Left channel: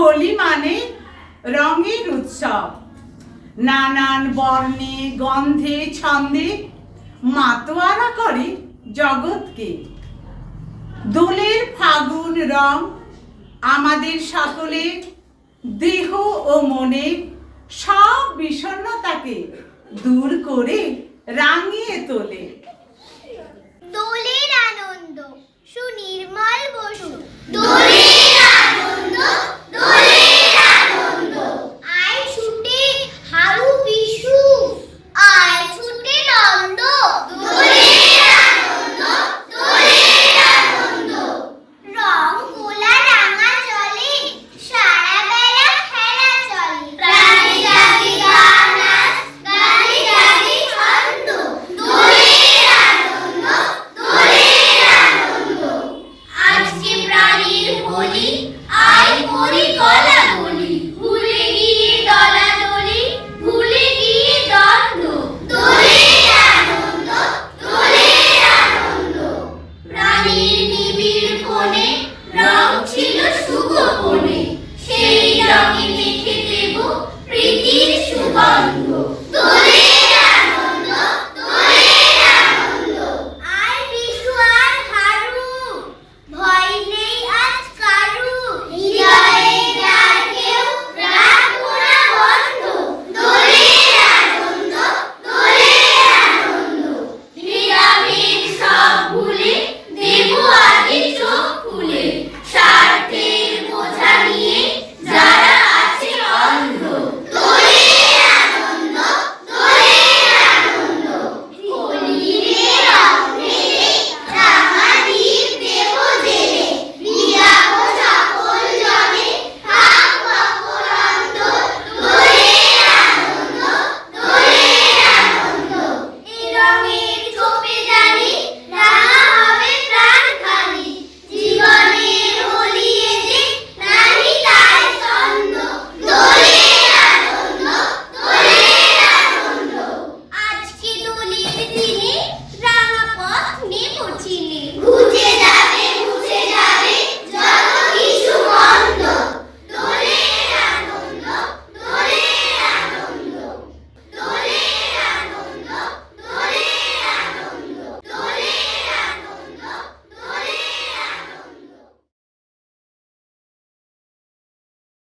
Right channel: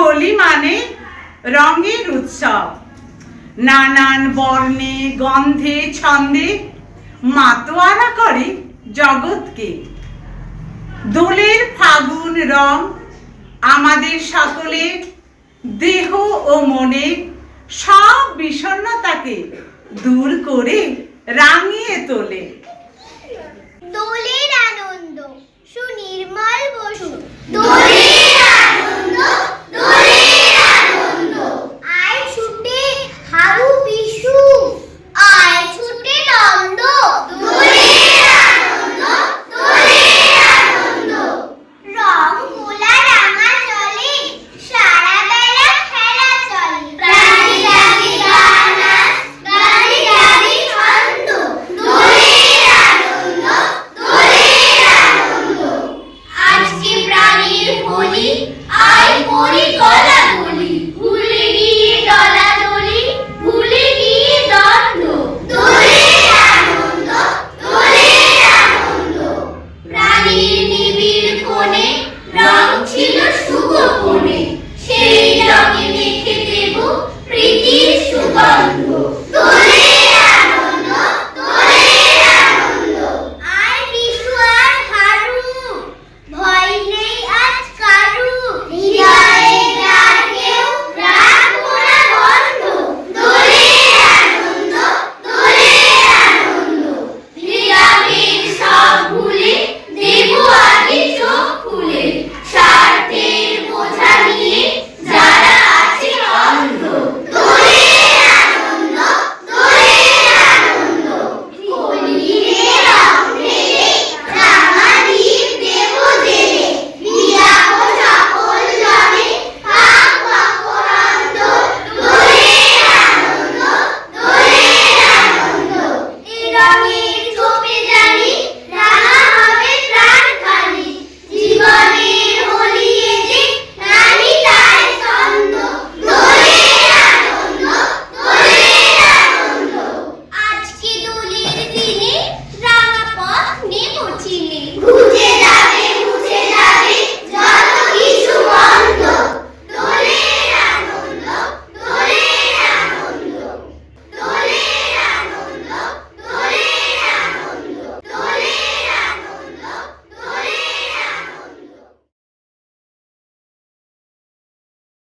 হোলি মানে রঙের উৎসব। নানান বর্ণে, গন্ধে, ছন্দে মাতোয়ারা করে জগৎকে। দোলের ফাগুন রং আমাদের সকলের দেহ ও মনের সব বিষণ্ণতাকে দূর করে রাঙিয়ে তোলে। করি কলা গলি ভুলে গিয়ে দলা দলি ভুলে গিয়ে দণ্ড দোলে আনন্দ। দোলে আনন্দ 起步